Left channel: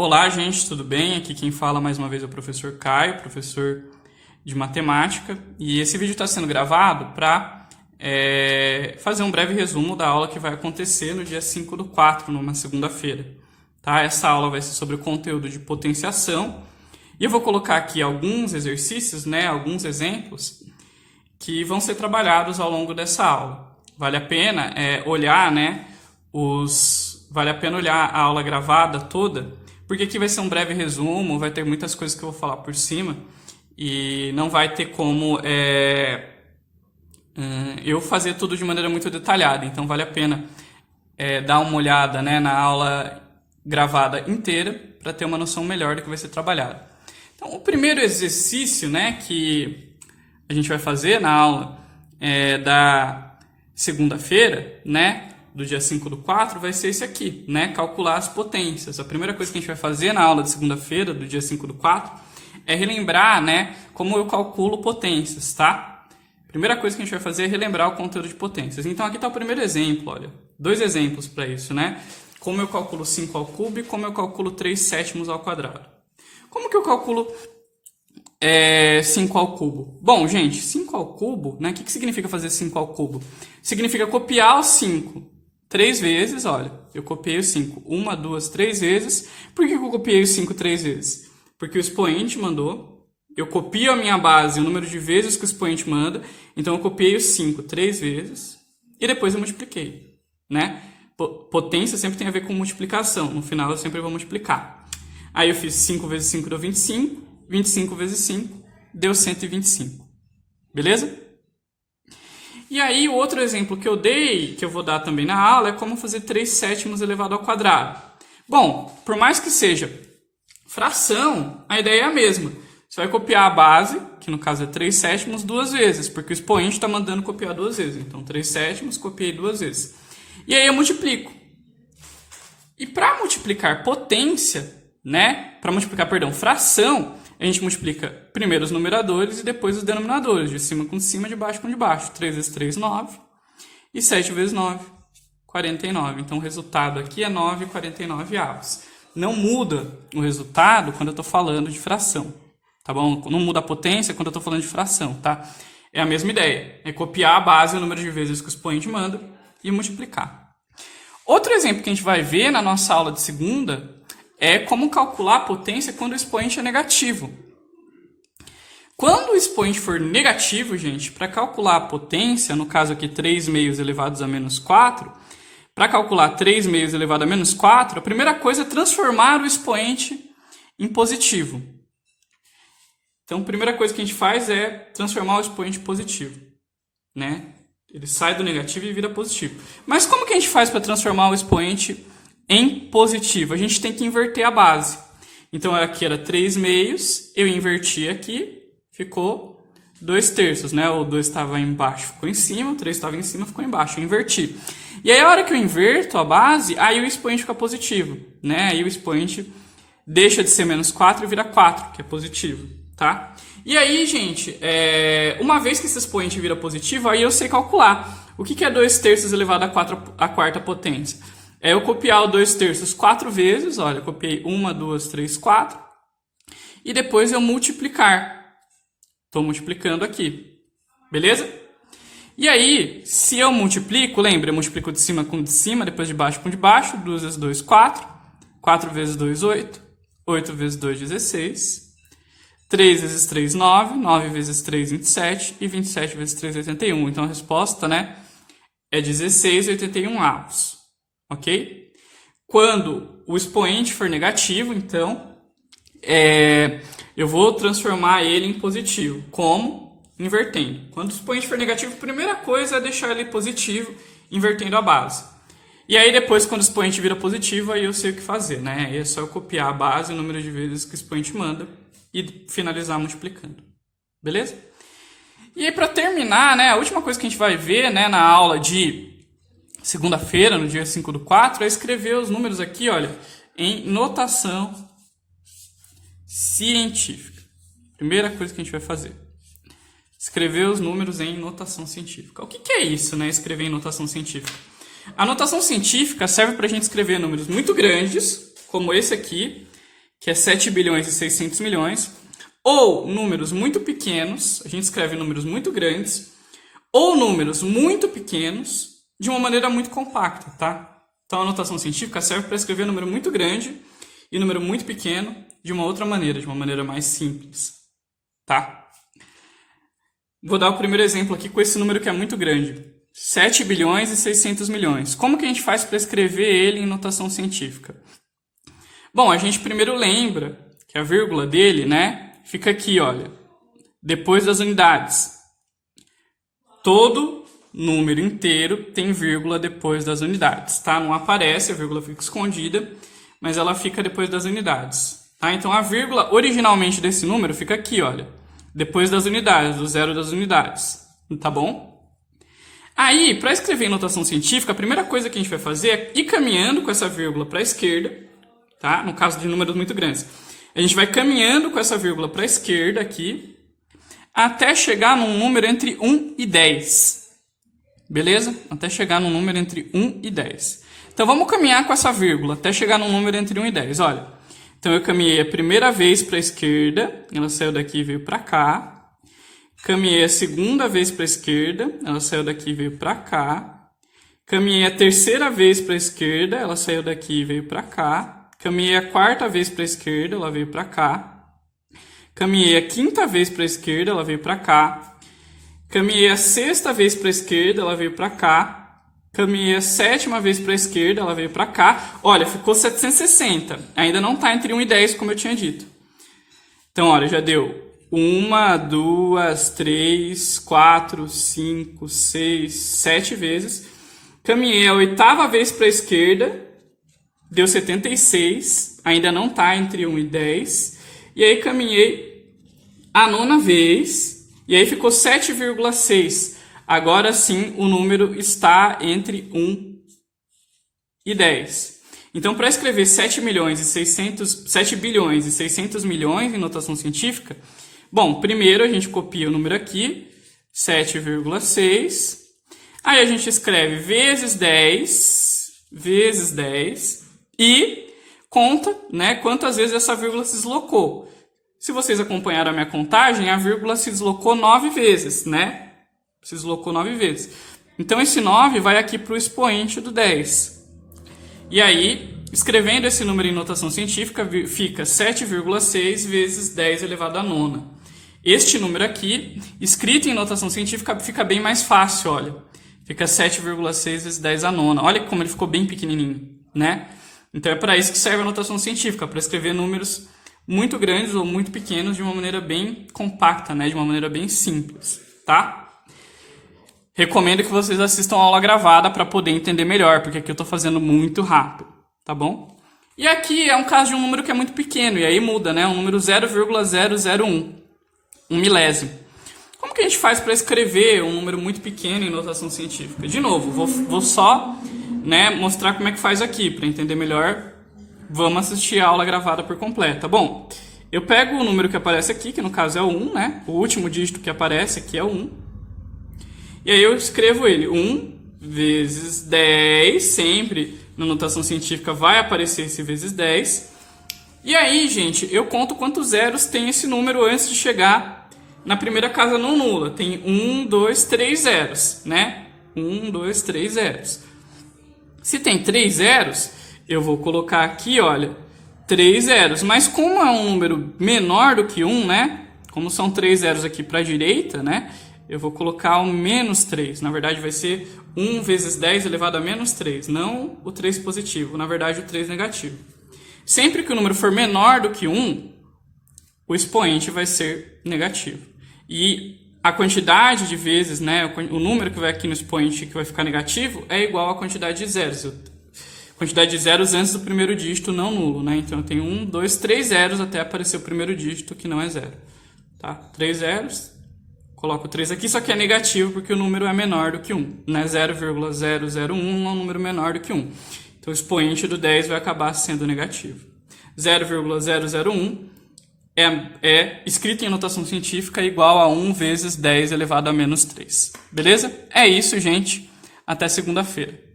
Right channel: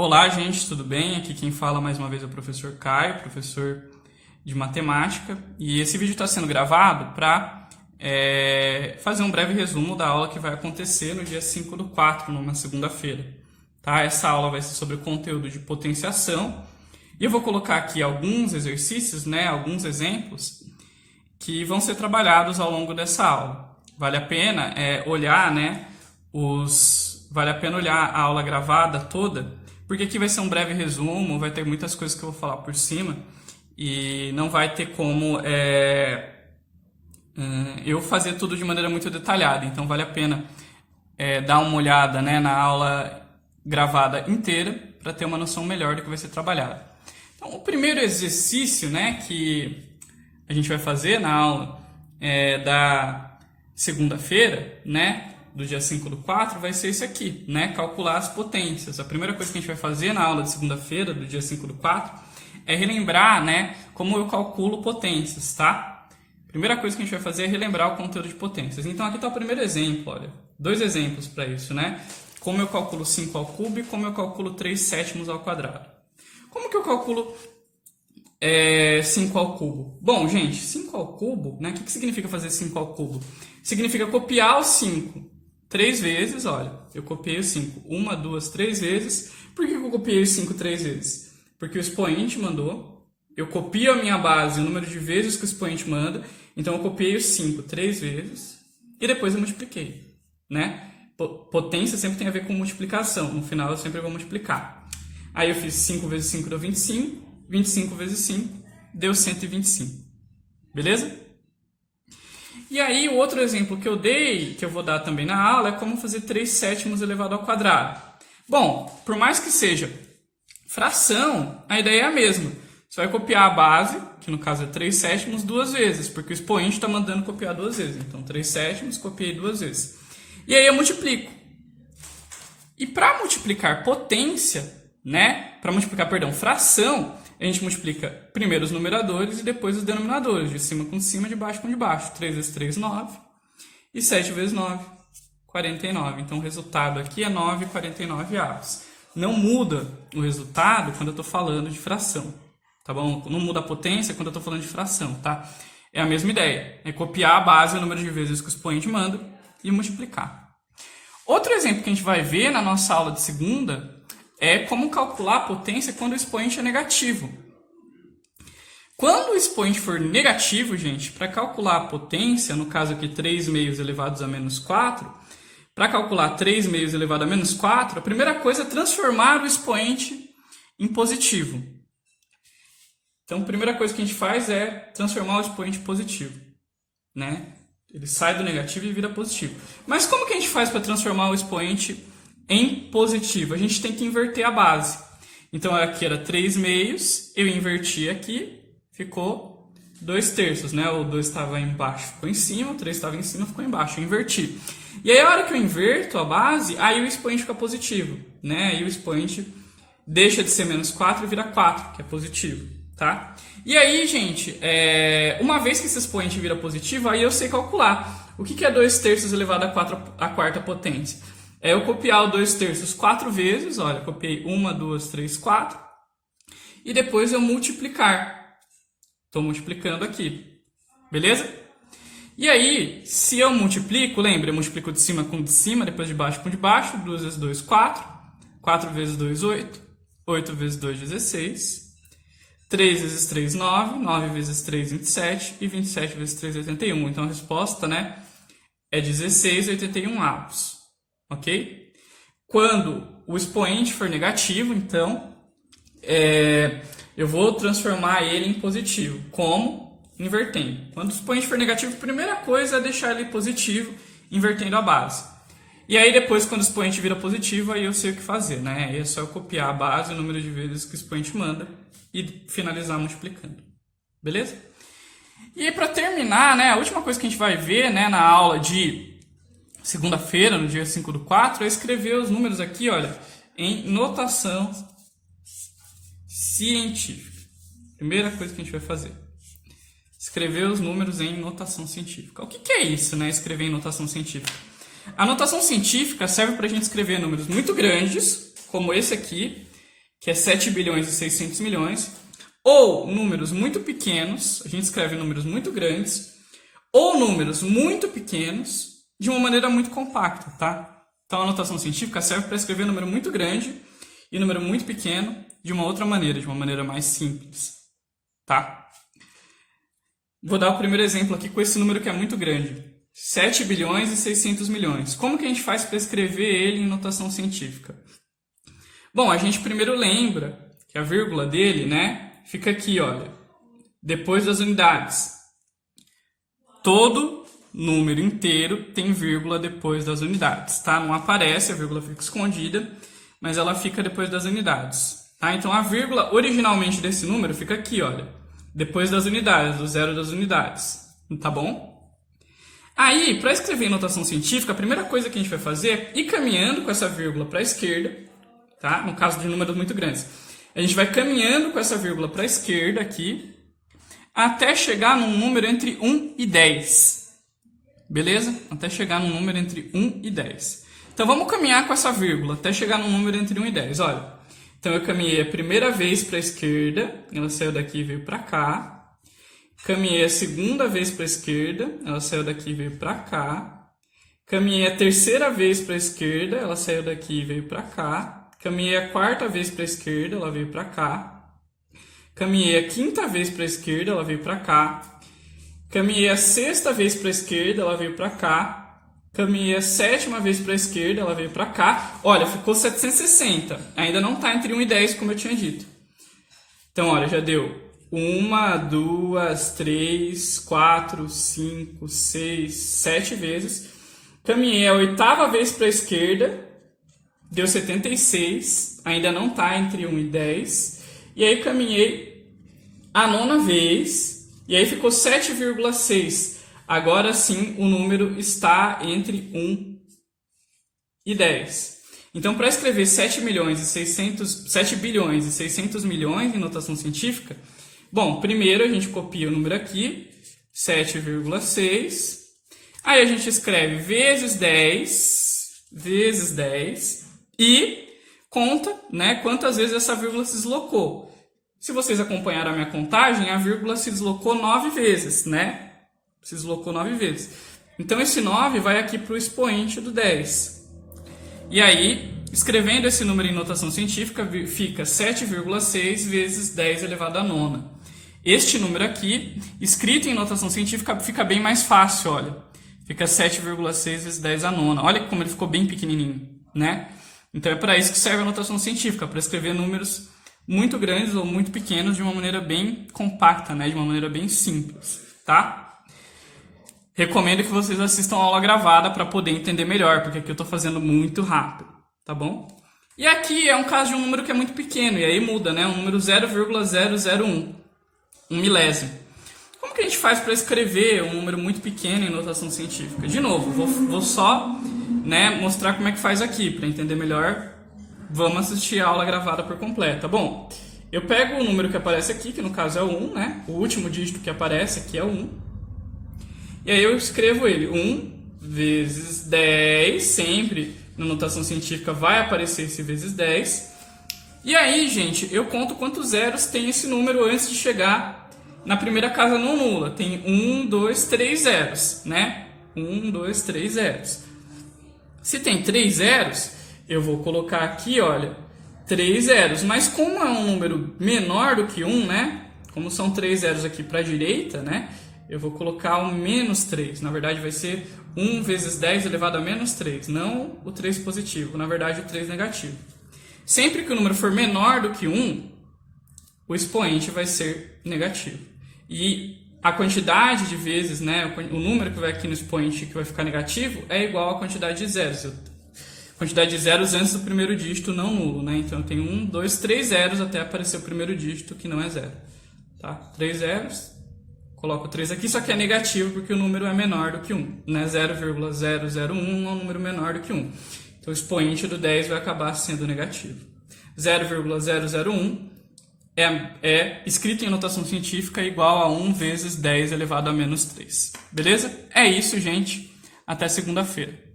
Olá, gente, tudo bem? Aqui quem fala mais uma vez é o professor Caio, professor de matemática, e esse vídeo está sendo gravado para fazer um breve resumo da aula que vai acontecer no dia 5/4, numa segunda-feira. Tá? Essa aula vai ser sobre o conteúdo de potenciação, e eu vou colocar aqui alguns exercícios, alguns exemplos, que vão ser trabalhados ao longo dessa aula. Vale a pena olhar, Vale a pena olhar a aula gravada toda, porque aqui vai ser um breve resumo, vai ter muitas coisas que eu vou falar por cima e não vai ter como eu fazer tudo de maneira muito detalhada. Então vale a pena dar uma olhada, na aula gravada inteira para ter uma noção melhor do que vai ser trabalhado. Então o primeiro exercício, que a gente vai fazer na aula da segunda-feira, do dia 5/4, vai ser esse aqui, calcular as potências. A primeira coisa que a gente vai fazer na aula de segunda-feira, do dia 5/4, é relembrar, como eu calculo potências, tá? A primeira coisa que a gente vai fazer é relembrar o conteúdo de potências. Então, aqui está o primeiro exemplo, olha. 2 exemplos para isso, Como eu calculo 5 ao cubo e como eu calculo 3/7 ao quadrado. Como que eu calculo 5 ao cubo? Bom, gente, 5 ao cubo, O que significa fazer 5 ao cubo? Significa copiar o 5 3 vezes, olha, eu copiei o 5 1, 2, 3 vezes. Por que eu copiei o 5 3 vezes? Porque o expoente mandou, eu copio a minha base, o número de vezes que o expoente manda, então eu copiei o 5 3 vezes e depois eu multipliquei, Potência sempre tem a ver com multiplicação, no final eu sempre vou multiplicar. Aí eu fiz 5 vezes 5 deu 25, 25 vezes 5 deu 125, beleza? E aí, o outro exemplo que eu dei, que eu vou dar também na aula, é como fazer 3/7 elevado ao quadrado. Bom, por mais que seja fração, a ideia é a mesma. Você vai copiar a base, que no caso é 3/7, 2 vezes, porque o expoente está mandando copiar 2 vezes. Então, 3/7, copiei 2 vezes. E aí eu multiplico. E para multiplicar potência, fração, a gente multiplica primeiro os numeradores e depois os denominadores, de cima com cima, de baixo com de baixo. 3 vezes 3, 9. E 7 vezes 9, 49. Então o resultado aqui é 9/49. Não muda o resultado quando eu estou falando de fração, tá bom? Não muda a potência quando eu estou falando de fração, tá? É a mesma ideia, é copiar a base, o número de vezes que o expoente manda e multiplicar. Outro exemplo que a gente vai ver na nossa aula de segunda é como calcular a potência quando o expoente é negativo. Quando o expoente for negativo, gente, para calcular a potência, no caso aqui 3/2 elevados a menos 4, para calcular 3/2 elevado a menos 4, a primeira coisa é transformar o expoente em positivo. Então, a primeira coisa que a gente faz é transformar o expoente em positivo, Ele sai do negativo e vira positivo. Mas como que a gente faz para transformar o expoente em positivo? A gente tem que inverter a base. Então, aqui era 3/2, eu inverti aqui, ficou 2/3, O 2 estava embaixo, ficou em cima, o 3 estava em cima, ficou embaixo, eu inverti. E aí, a hora que eu inverto a base, aí o expoente fica positivo, Aí o expoente deixa de ser menos 4 e vira 4, que é positivo, tá? E aí, gente, uma vez que esse expoente vira positivo, aí eu sei calcular. O que é 2/3 elevado à quarta potência? É eu copiar o 2/3 4 vezes, olha, eu copiei 1, 2, 3, 4, e depois eu multiplicar. Estou multiplicando aqui, beleza? E aí, se eu multiplico, lembra, eu multiplico de cima com de cima, depois de baixo com de baixo, 2 vezes 2, 4, 4 vezes 2, 8, 8 vezes 2, 16, 3 vezes 3, 9, 9 vezes 3, 27, e 27 vezes 3, 81. Então a resposta, é 16/81. Ok? Quando o expoente for negativo, então, eu vou transformar ele em positivo. Como? Invertendo. Quando o expoente for negativo, a primeira coisa é deixar ele positivo, invertendo a base. E aí depois, quando o expoente vira positivo, aí eu sei o que fazer, Aí é só eu copiar a base, o número de vezes que o expoente manda, e finalizar multiplicando. Beleza? E aí, para terminar, a última coisa que a gente vai ver, na aula de segunda-feira, no dia 5/4, é escrever os números aqui, olha, em notação científica. Primeira coisa que a gente vai fazer. Escrever os números em notação científica. O que é isso, escrever em notação científica? A notação científica serve para a gente escrever números muito grandes, como esse aqui, que é 7 bilhões e 600 milhões, ou números muito pequenos, a gente escreve números muito grandes, ou números muito pequenos de uma maneira muito compacta, tá? Então a notação científica serve para escrever número muito grande e número muito pequeno de uma outra maneira, de uma maneira mais simples, tá? Vou dar o primeiro exemplo aqui com esse número que é muito grande, 7 bilhões e 600 milhões. Como que a gente faz para escrever ele em notação científica? Bom, a gente primeiro lembra que a vírgula dele, né, fica aqui, olha, depois das unidades. Todo número inteiro tem vírgula depois das unidades, tá? Não aparece, a vírgula fica escondida, mas ela fica depois das unidades, tá? Então a vírgula originalmente desse número fica aqui, olha, depois das unidades, do zero das unidades, tá bom? Aí, para escrever em notação científica, a primeira coisa que a gente vai fazer é ir caminhando com essa vírgula para a esquerda, tá? No caso de números muito grandes. A gente vai caminhando com essa vírgula para a esquerda aqui, até chegar num número entre 1 e 10. Beleza? Até chegar num número entre 1 e 10. Então vamos caminhar com essa vírgula até chegar num número entre 1 e 10. Olha, então eu caminhei a primeira vez para a esquerda, ela saiu daqui e veio para cá. Caminhei a segunda vez para a esquerda, ela saiu daqui e veio para cá. Caminhei a terceira vez para a esquerda, ela saiu daqui e veio para cá. Caminhei a quarta vez para a esquerda, ela veio para cá. Caminhei a quinta vez para a esquerda, ela veio para cá. Caminhei a sexta vez para a esquerda, ela veio para cá. Caminhei a sétima vez para a esquerda, ela veio para cá. Olha, ficou 760. Ainda não está entre 1 e 10, como eu tinha dito. Então, olha, já deu 1, 2, 3, 4, 5, 6, 7 vezes. Caminhei a oitava vez para a esquerda, deu 76. Ainda não está entre 1 e 10. E aí caminhei a nona vez, e aí ficou 7,6. Agora sim o número está entre 1 e 10. Então, para escrever 7 bilhões e 600 milhões em notação científica, bom, primeiro a gente copia o número aqui, 7,6. Aí a gente escreve vezes 10 e conta, né, quantas vezes essa vírgula se deslocou. Se vocês acompanharam a minha contagem, a vírgula se deslocou 9 vezes, né? Se deslocou 9 vezes. Então, esse 9 vai aqui para o expoente do 10. E aí, escrevendo esse número em notação científica, fica 7,6 vezes 10 elevado à nona. Este número aqui, escrito em notação científica, fica bem mais fácil, olha. Fica 7,6 vezes 10 à nona. Olha como ele ficou bem pequenininho, né? Então, é para isso que serve a notação científica, para escrever números muito grandes ou muito pequenos de uma maneira bem compacta, né? De uma maneira bem simples, tá? Recomendo que vocês assistam a aula gravada para poder entender melhor, porque aqui eu estou fazendo muito rápido, tá bom? E aqui é um caso de um número que é muito pequeno, e aí muda, né? Um número 0,001, um milésimo. Como que a gente faz para escrever um número muito pequeno em notação científica? De novo, vou só, né, mostrar como é que faz aqui, para entender melhor. Vamos assistir a aula gravada por completa. Bom, eu pego o número que aparece aqui, que no caso é o 1, né? O último dígito que aparece aqui é o 1. E aí eu escrevo ele, 1 vezes 10, sempre na notação científica vai aparecer esse vezes 10. E aí, gente, eu conto quantos zeros tem esse número antes de chegar na primeira casa não nula. Tem 1, 2, 3 zeros, né? 1, 2, 3 zeros. Se tem 3 zeros, eu vou colocar aqui, olha, 3 zeros. Mas como é um número menor do que 1, né? Como são 3 zeros aqui para a direita, né? Eu vou colocar o menos 3. Na verdade, vai ser 1 vezes 10 elevado a menos 3. Não o 3 positivo, na verdade, o 3 negativo. Sempre que o número for menor do que 1, o expoente vai ser negativo. E a quantidade de vezes, né? O número que vai aqui no expoente que vai ficar negativo é igual à quantidade de zeros. Quantidade de zeros antes do primeiro dígito não nulo, né? Então eu tenho 1, 2, 3 zeros até aparecer o primeiro dígito que não é zero. Tá? 3 zeros, coloco 3 aqui, só que é negativo porque o número é menor do que 1. Né? 0,001 é um número menor do que 1. Então o expoente do 10 vai acabar sendo negativo. 0,001 é escrito em notação científica igual a 1 vezes 10 elevado a menos 3. Beleza? É isso, gente. Até segunda-feira.